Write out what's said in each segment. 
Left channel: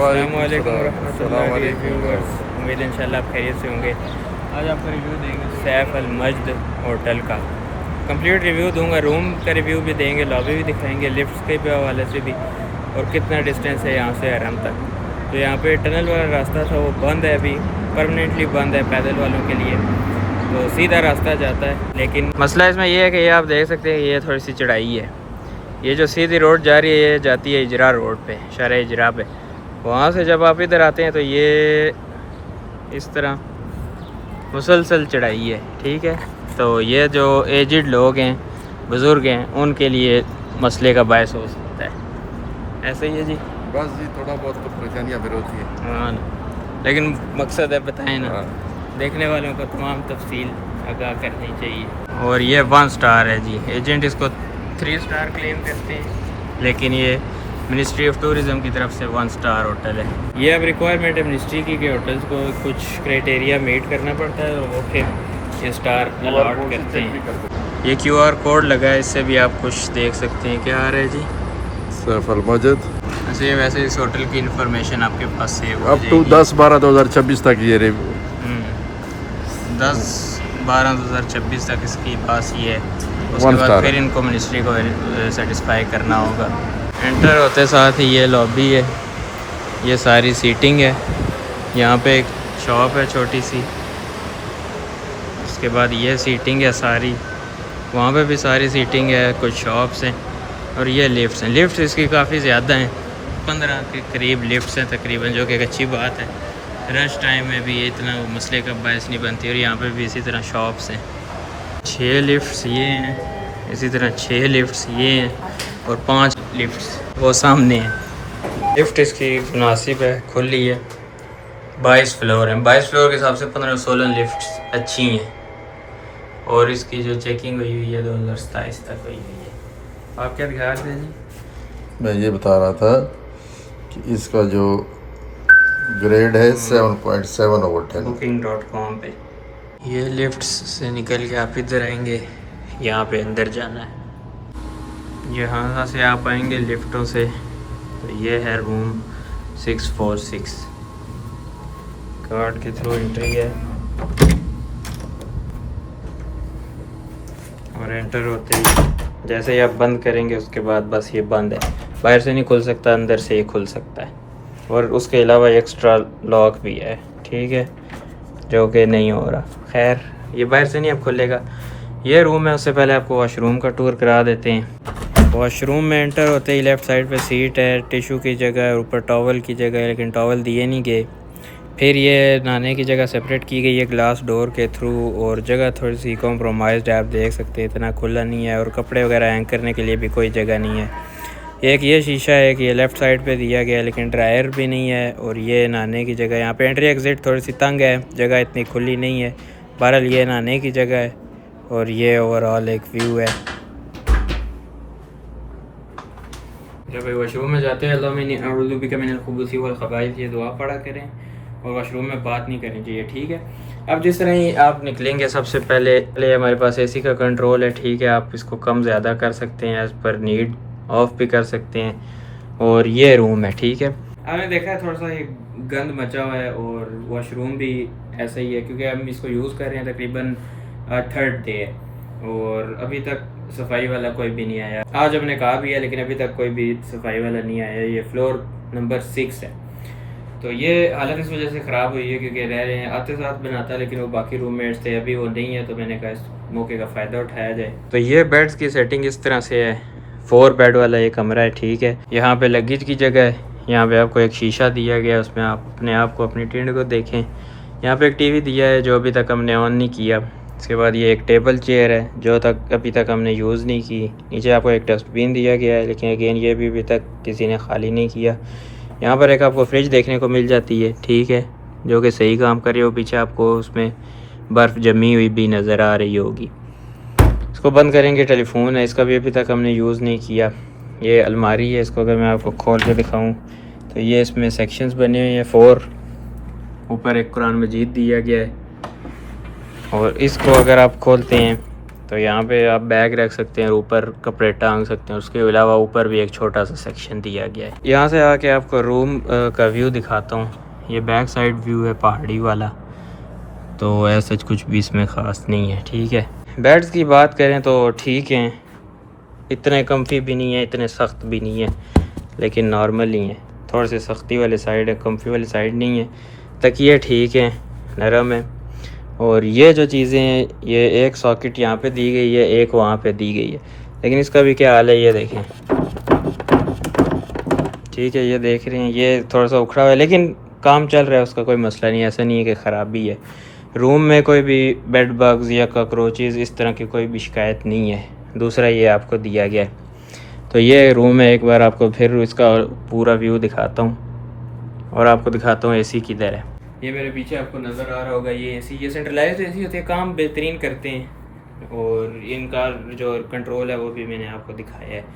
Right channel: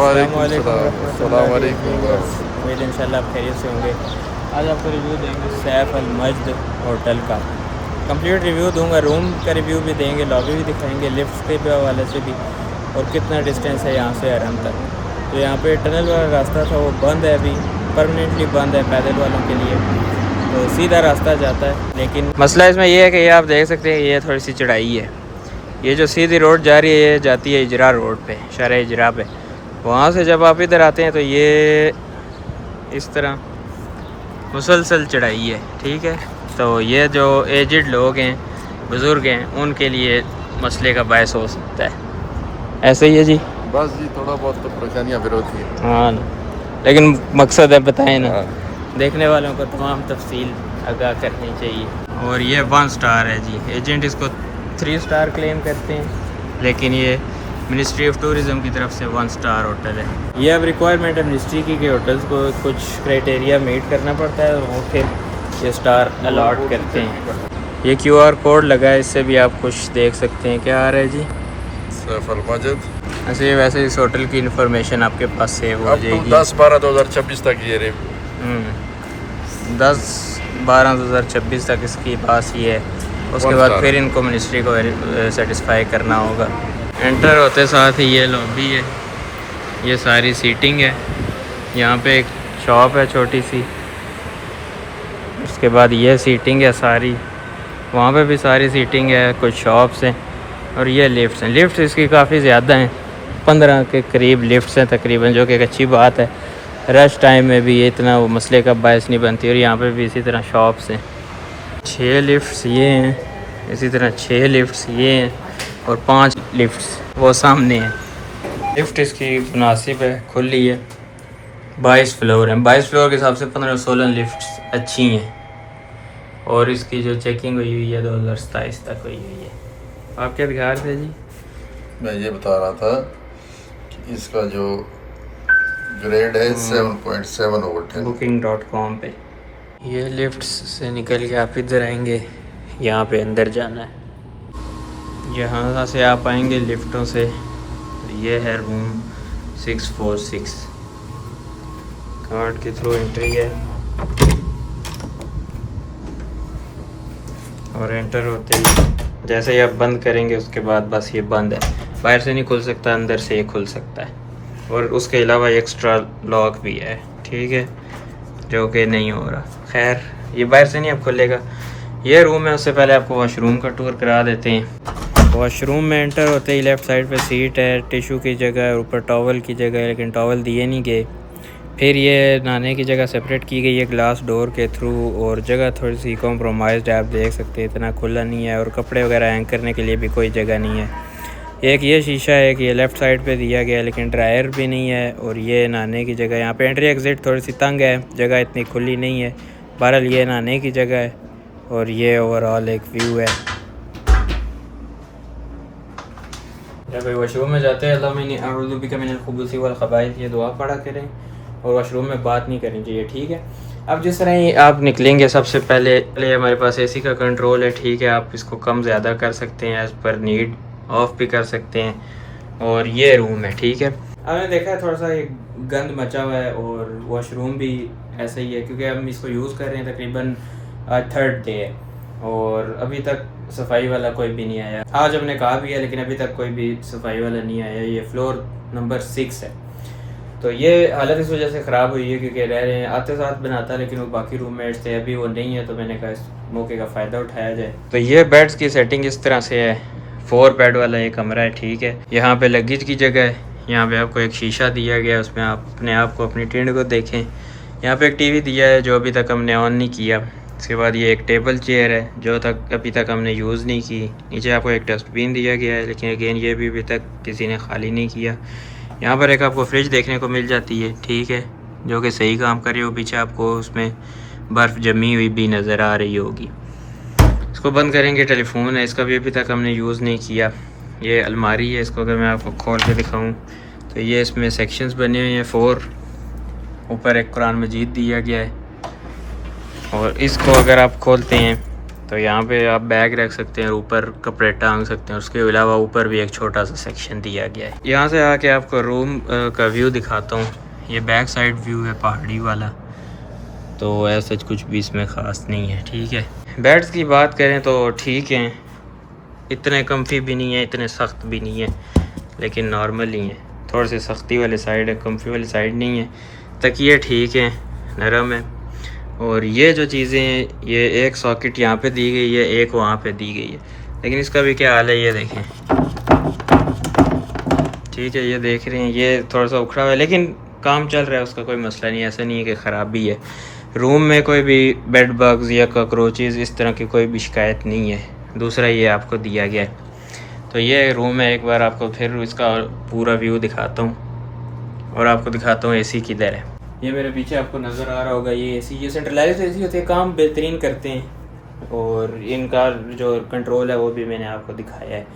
अस्सलाम वालेकुम रहमतुल्लाहि व्यूअर्स, उम्मीद इंशाल्लाह आप खैरियत से होंगे। आज आपको रिव्यू देंगे सैफ अल मज्द होटल का। कंप्लीट रिव्यू दूंगा, रूम का रिव्यू भी देंगे, लॉबी भी दिखाएंगे, लिफ्ट के भी हवाले से भी, और कितना डिस्टेंस है यहाँ से हरम तक। तो यहाँ पे टनल वाला रास्ता था वो बंद है, अभी परमानेंटली बंद है पैदल वालों के लिए, तो सीधा रास्ता जाता है। लेकिन मसला इसमें यह है कि ये आप देख सकते हैं, ये थोड़ी सी चढ़ाई है। ये जो सीधी रोड जा रही है ये जाती है इजरा रोड पे, शहर इजरा पे। वहाँ से जब आप इधर आते हैं तो ये इस तरह मुसलसल चढ़ाई है, ठीक है। तो ये जो एजिड लोग हैं, बुज़ुर्ग हैं, उनके लिए मसले का बायस हो सकता है। ऐसे ही है जी, बस जी थोड़ा बहुत तो परेशानियाँ फिर होती है। हाँ, लेकिन मकसद है बताएं ना, देखने वालों को तमाम तफसील आगाह करनी चाहिए। और ये 1 स्टार है जी, एजेंट इसको 3 स्टार क्लेम करते हैं, लेकिन ये मिनिस्ट्री ऑफ टूरिज़म की तरफ से 1 स्टार होटल है। ये अब रिक्वायरमेंट है मिनिस्ट्री की कि होटल्स को कुछ क्राइटेरिया मीट करना पड़ता है और वो फिर ये स्टार अलॉट करते हैं। ये QR कोड लगा है, इससे भी आप कुछ देख सकते हैं। क्या आ रहा है जी? सैफ अल मज्द। ऐसे वैसे इस होटल की इन्फॉर्मेशन आपके पास सेव हो अब जाएगी। 10/12/2026 तक ये रिव्यू 10/12/2026 तक इसकी पास ये है। उसके बाद फिर इनको मिनिस्ट्री को सेटिस्फाई करना होगा। एंटर होते साथ ही ये लॉबी है, ये सारी सीटिंग है। यहाँ पे एक शॉप है छोटी सी, उसके बाद ये सीटिंग है सारी, वहाँ पे भी सारी सीटिंग है, कुछ शॉप्स हैं, और ये लिफ्ट्स हैं। लिफ्ट इसकी काफ़ी ज़्यादा हैं, 15 के करीब लिफ्ट्स हैं तकरीबन, जो कि एक अच्छी बात है। रश टाइम में भी ये इतना वो मसले का बायस नहीं बनती। और यहाँ पे भी इसी तरह शॉप्स हैं। 6 लिफ्ट्स ये हैं, इसी तरह 6 लिफ्ट्स ये हैं, और 5 लिफ्ट्स वो सामने हैं। लिफ्ट इसकी मुनासिब है, खुली है। 22 फ्लोर हैं, 22 फ्लोर के हिसाब से 15-16 लिफ्ट्स अच्छी हैं। और इसकी जो चेकिंग हुई है 2027 तक हुई है। आप क्या दिखा रहे थे जी? मैं ये बता रहा था कि इसका जो ग्रेड है 7.7/10। booking.com पे ये लिफ्ट से निकल के आप इधर आएंगे, यहाँ पे अंदर जाना है। यहाँ से आप आएंगे लिफ्टों से, तो ये है रूम 646। कार्ड के थ्रू एंट्री है, और एंटर होते ही जैसे ही आप बंद करेंगे उसके बाद बस ये बंद है, बाहर से नहीं खुल सकता, अंदर से ये खुल सकता है। और उसके अलावा एक्स्ट्रा लॉक भी है, ठीक है, जो कि नहीं हो रहा। खैर, ये बाहर से नहीं अब खुलेगा। ये रूम है, उससे पहले आपको वॉशरूम का टूर करा देते हैं। वॉशरूम में एंटर होते ही लेफ़्ट साइड पे सीट है, टिशू की जगह है, ऊपर टॉवल की जगह है, लेकिन टॉवल दिए नहीं गए। फिर ये नहाने की जगह सेपरेट की गई है ग्लास डोर के थ्रू, और जगह थोड़ी सी कॉम्प्रोमाइज़्ड है, आप देख सकते हैं, इतना खुला नहीं है। और कपड़े वगैरह हैंग करने के लिए भी कोई जगह नहीं है। एक ये शीशा है कि ये लेफ़्ट साइड पे दिया गया है, लेकिन ड्रायर भी नहीं है। और ये नहाने की जगह, यहाँ पे एंट्री एग्ज़िट थोड़ी सी तंग है, जगह इतनी खुली नहीं है। बहरहाल ये नहाने की जगह है, और ये ओवरऑल एक व्यू है। जब वॉशरूम में जाते हैं अल्लाह ये दुआ पढ़ा करें, और वॉशरूम में बात नहीं करनी चाहिए, ठीक है। अब जिस तरह ही आप निकलेंगे, सबसे पहले हमारे पास एसी का कंट्रोल है, ठीक है। आप इसको कम ज़्यादा कर सकते हैं, एज़ पर नीड ऑफ भी कर सकते हैं। और ये रूम है, ठीक है। हमने देखा है थोड़ा सा ये गंद मचा हुआ है, और वॉशरूम भी ऐसा ही है, क्योंकि हम इसको यूज़ कर रहे हैं तकरीबन 3rd डे है, और अभी तक सफाई वाला कोई भी नहीं आया। आज हमने कहा भी है, लेकिन अभी तक कोई भी सफाई वाला नहीं आया। ये फ्लोर नंबर 6 है, तो ये हालत इस वजह से ख़राब हुई है क्योंकि रह रहे हैं, आते साथ बनाता, लेकिन वो बाकी रूममेट्स थे, अभी वो नहीं है, तो मैंने कहा इस मौके का फ़ायदा उठाया जाए। तो ये बेड्स की सेटिंग इस तरह से है। 4 बेड वाला ये कमरा है, ठीक है। यहाँ पे लगेज की जगह है, यहाँ पे आपको एक शीशा दिया गया है, उसमें आप अपने आप को, अपनी टिंड को देखें। यहाँ पे एक टीवी दिया है जो अभी तक हमने ऑन नहीं किया। इसके बाद ये एक टेबल चेयर है जो अभी तक हमने यूज़ नहीं की। नीचे आपको एक डस्टबिन दिया गया है, लेकिन अगेन ये भी अभी तक किसी ने खाली नहीं किया। यहाँ पर एक आपको फ्रिज देखने को मिल जाती है, ठीक है, जो कि सही काम कर रही हो। पीछे आपको उसमें बर्फ़ जमी हुई भी नज़र आ रही होगी। इसको बंद करेंगे। टेलीफोन है, इसका भी अभी तक हमने यूज़ नहीं किया। ये अलमारी है, इसको अगर मैं आपको खोल के दिखाऊं तो ये इसमें सेक्शंस बने हुए हैं 4। ऊपर एक कुरान मजीद दिया गया है, और इसको अगर आप खोलते हैं तो यहाँ पे आप बैग रख सकते हैं, ऊपर कपड़े टांग सकते हैं। उसके अलावा ऊपर भी एक छोटा सा सेक्शन दिया गया है। यहाँ से आके आपको रूम का व्यू दिखाता हूँ। ये बैक साइड व्यू है पहाड़ी वाला, तो ऐसा कुछ भी इसमें ख़ास नहीं है, ठीक है। बेड्स की बात करें तो ठीक हैं, इतने कम्फी भी नहीं है, इतने सख्त भी नहीं है, लेकिन नॉर्मल ही हैं। थोड़ी सी सख्ती वाली साइड है, कम्फी वाली साइड नहीं है। तकिए ठीक हैं, नरम है। और ये जो चीज़ें हैं, ये एक सॉकेट यहाँ पे दी गई है, एक वहाँ पे दी गई है, लेकिन इसका भी क्या हाल है ये देखें, ठीक है। ये देख रहे हैं, ये थोड़ा सा उखड़ा हुआ है, लेकिन काम चल रहा है, उसका कोई मसला नहीं है। ऐसा नहीं है कि ख़राबी है। रूम में कोई भी बेड बग्स या कॉकरोचेज़ इस तरह की कोई भी शिकायत नहीं है। दूसरा ये आपको दिया गया है। तो ये रूम है, एक बार आपको फिर इसका पूरा व्यू दिखाता हूँ और आपको दिखाता हूँ एसी किधर है। ये मेरे पीछे आपको नज़र आ रहा होगा, ये एसी, ये सेंट्रलाइज्ड एसी होते हैं, काम बेहतरीन करते हैं। और इनका जो कंट्रोल है वो भी मैंने आपको दिखाया है।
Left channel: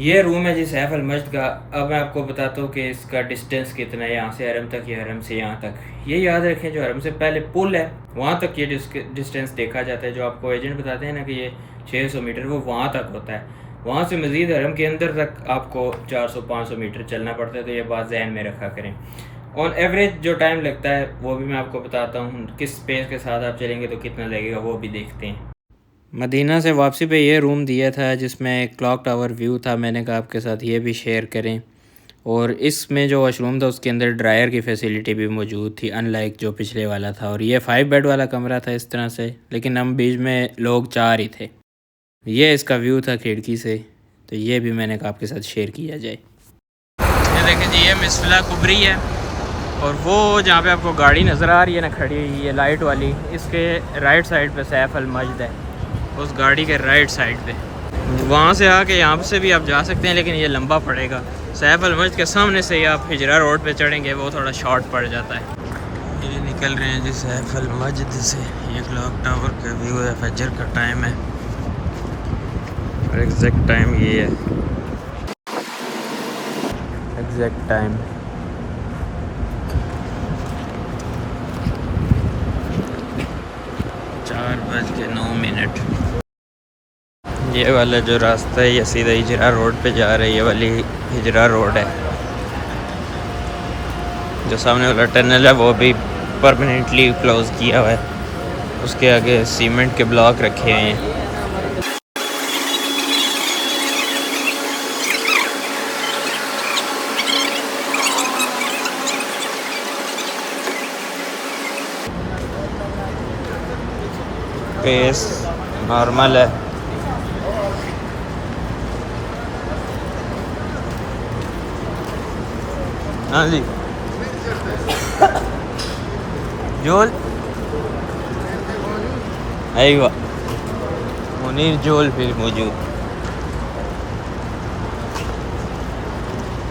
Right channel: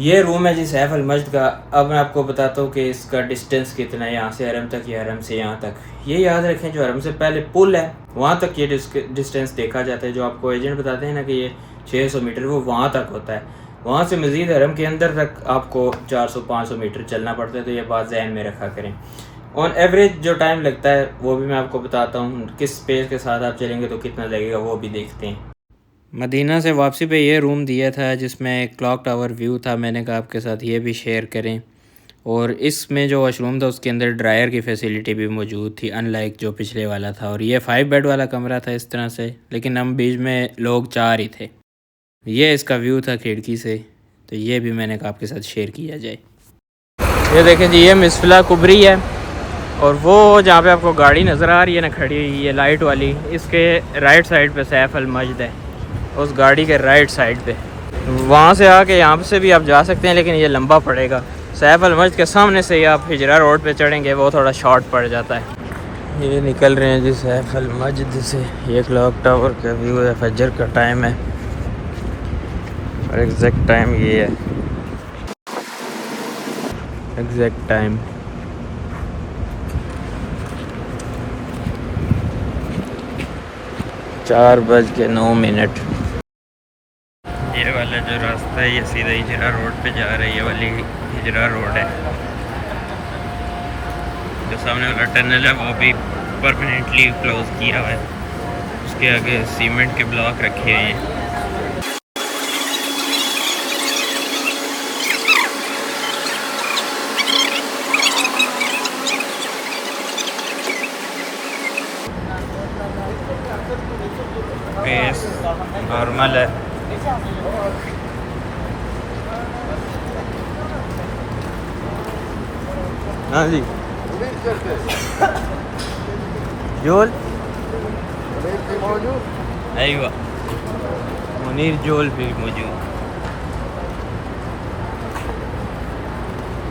ये रूम है जी सैफ अल मस्जिद का। अब मैं आपको बताता हूँ कि इसका डिस्टेंस कितना है यहाँ से हरम तक या हरम से यहाँ तक। ये याद रखें, जो हरम से पहले पुल है वहाँ तक ये डिस्टेंस देखा जाता है। जो आपको एजेंट बताते हैं ना कि ये 600 मीटर, वो वहाँ तक होता है। वहाँ से मज़ीद हरम के अंदर तक आपको 400-500 मीटर चलना पड़ता है। तो ये बात जहन में रखा करें। ऑन एवरेज जो टाइम लगता है वो भी मैं आपको बताता हूँ। किस स्पेस के साथ आप चलेंगे तो कितना लगेगा वो भी देखते हैं। मदीना से वापसी पे ये रूम दिया था जिसमें एक क्लॉक टावर व्यू था। मैंने कहा आपके साथ ये भी शेयर करें। और इसमें जो वॉशरूम था उसके अंदर ड्रायर की फैसिलिटी भी मौजूद थी, अनलाइक जो पिछले वाला था। और ये 5 बेड वाला कमरा था इस तरह से, लेकिन हम बीच में लोग 4 ही थे। ये इसका व्यू था खिड़की से, तो ये भी मैंने कहा आपके साथ शेयर किया जाए। ये देखें जी, ये मिसला कुबरी है। और वो जहाँ पे आपको गाड़ी नज़र आ रही है ना खड़ी हुई, ये लाइट वाली, इसके राइट साइड पे सैफ अल मस्जिद है, उस गाड़ी के राइट साइड पे। वहाँ से आके यहाँ से भी आप जा सकते हैं, लेकिन ये लंबा पड़ेगा। सैफ अल मस्जिद के सामने से ही आप हिजरा रोड पे चढ़ेंगे, वो थोड़ा शॉर्ट पड़ जाता है। ये निकल रहे हैं जी सैफ अल मस्जिद से। ये क्लॉक टावर का व्यू है, फजर का टाइम है और एग्जैक्ट टाइम ये है, एग्जैक्ट टाइम 4:09। ये वाला जो रास्ता है ये सीधा हिजरा रोड पे जा रहा है। ये वाली हिजरा रोड है। जो सामने वाला टनल है वो भी परमानेंटली क्लोज किया हुआ है। उसके आगे सीमेंट के ब्लॉक रखे हैं। पेस नॉर्मल है। हाँ जी, जोल अयवा मुनीर जोल भी मौजूद।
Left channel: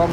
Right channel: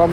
1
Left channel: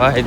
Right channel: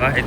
1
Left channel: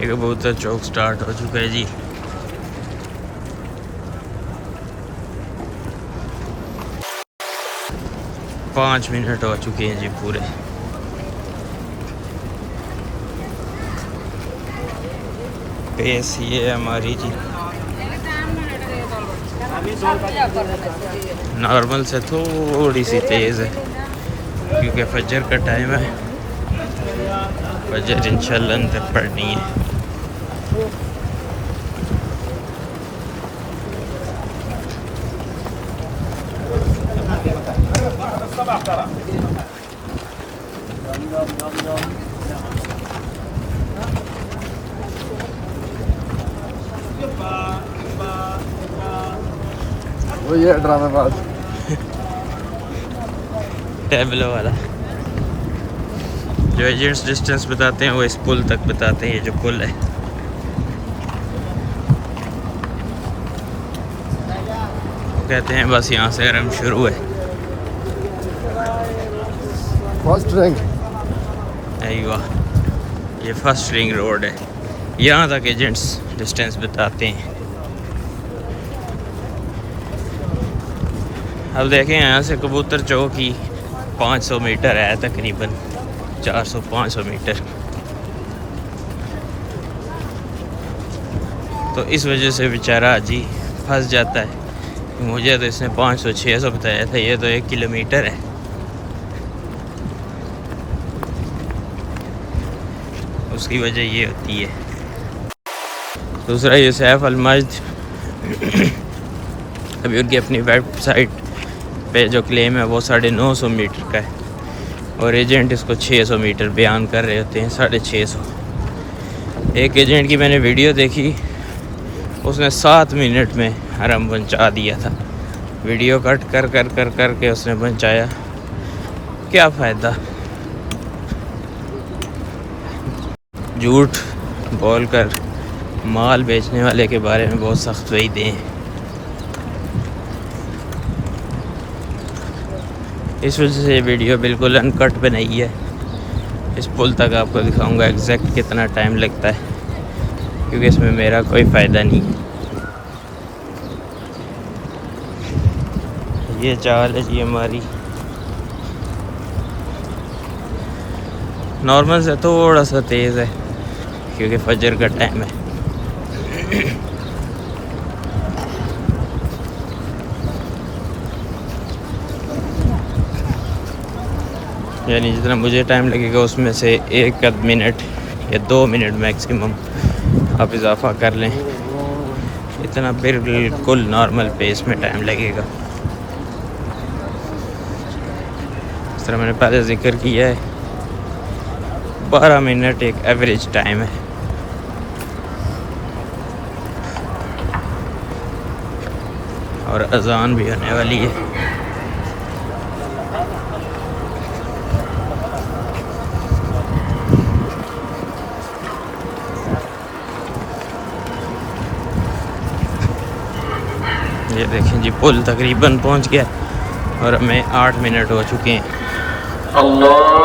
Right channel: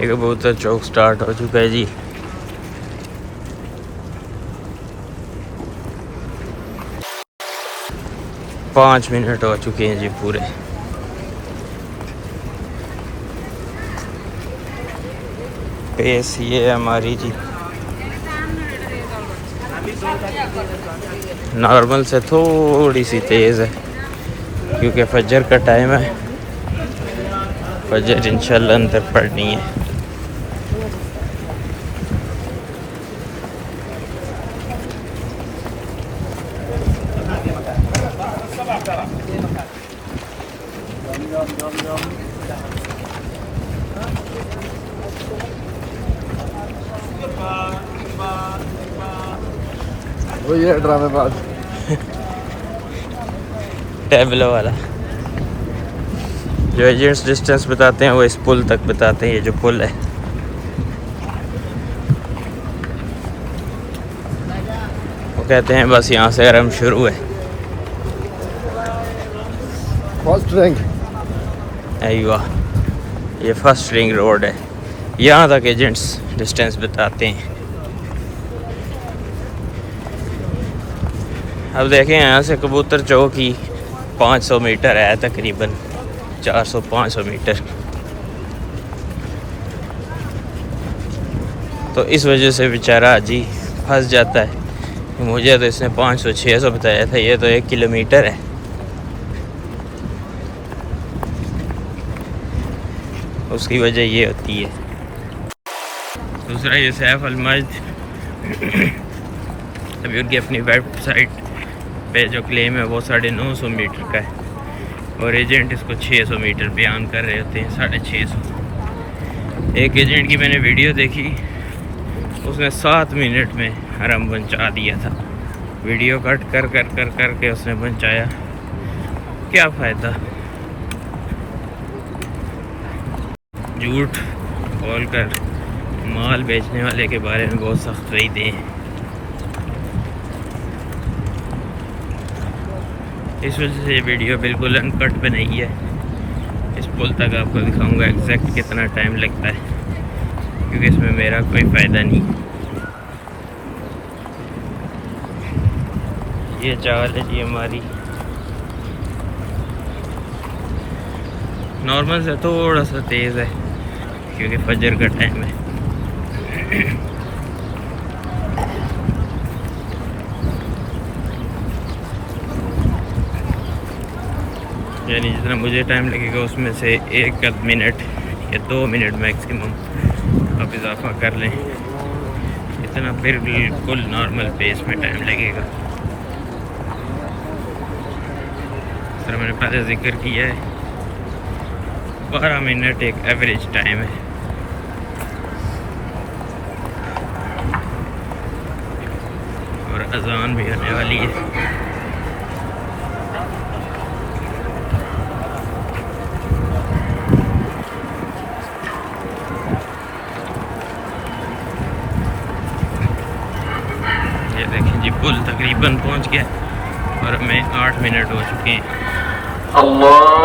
ये कबूतर चौक स्टार्ट हो चुका है जी। पाँच मिनट हो चुके हैं जी पूरे। पेस ये है हमारी जी, नॉर्मल से थोड़ी सी तेज़ है क्योंकि फजर का टाइम है। फजर इंशाल्लाह अंदर पढ़नी है। वो ये ड्रामेबाज। टैबलो वाला जो एजेंट्स डिस्टेंस बताते हैं वो इस पुल तक बताते हैं, ये जो पुल है। वो कहते हैं बस यहाँ से आराम शुरू है। First rank. अय्वा, ये फर्स्ट रिंग रोड है, यहाँ तक एजेंट्स डिस्टेंस बताते हैं। अब देखें यहाँ से कबूतर चौकी 500 मीटर है तकरीबन, 400-500 मीटर। तो इस वजह से बेचारा अजी फंस जाता है। मुझे तो इसने 500-600 बताया था, ये तो 1 किलोमीटर है। उसकी वजह ये होती है। दूसरा ये सैफ अलमजद अभी उनकी अपनी वेबसाइट पे जो क्लेम है वो 950 मीटर का है, और एजेंट इसको 600 मीटर बयान कर रहे होते हैं, 650। एक एजेंट की मैंने वीडियो देखी, उसने 7 मिनट में हरम पहुंचा दिया था। वीडियो कट कर कर कर कर के उसने पहुंचाया, क्या फ़ायदा। झूठ बोल कर माल बेचने वाले के बारे में बहुत सख्त वईदें हैं। इस वजह से ये वीडियो बिल्कुल अनकट बनाई है। इस पुल तक आपको दिखाऊंगा एग्जैक्ट कितना टाइम लगता है, क्योंकि इसमें मेरा कोई फ़ायदा नहीं है। ये चाल है जी हमारी, नॉर्मल से थोड़ा सा तेज़ है क्योंकि फजर का टाइम है। यानी जितना मुझे टाइम लगेगा उसमें से 1 मिनट या 2 मिनट मैक्सिमम आप इजाफा कर लें, इतना बिल्कुल नॉर्मल पेस में टाइम लगेगा। इस तरह मैंने पहले जिक्र किया है, 12 मिनट एक एवरेज टाइम है। और अजान भी होने वाली है। ये देखें जी, पुल तकरीबन पहुंच गया और हमें 8 मिनट हो चुके हैं। अल्लाह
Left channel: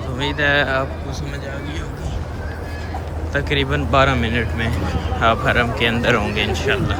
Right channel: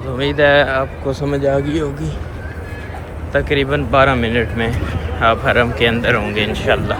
तो उम्मीद है आपको समझ आ गई होगी। तकरीबन 12 मिनट में आप हरम के अंदर होंगे इंशाल्लाह।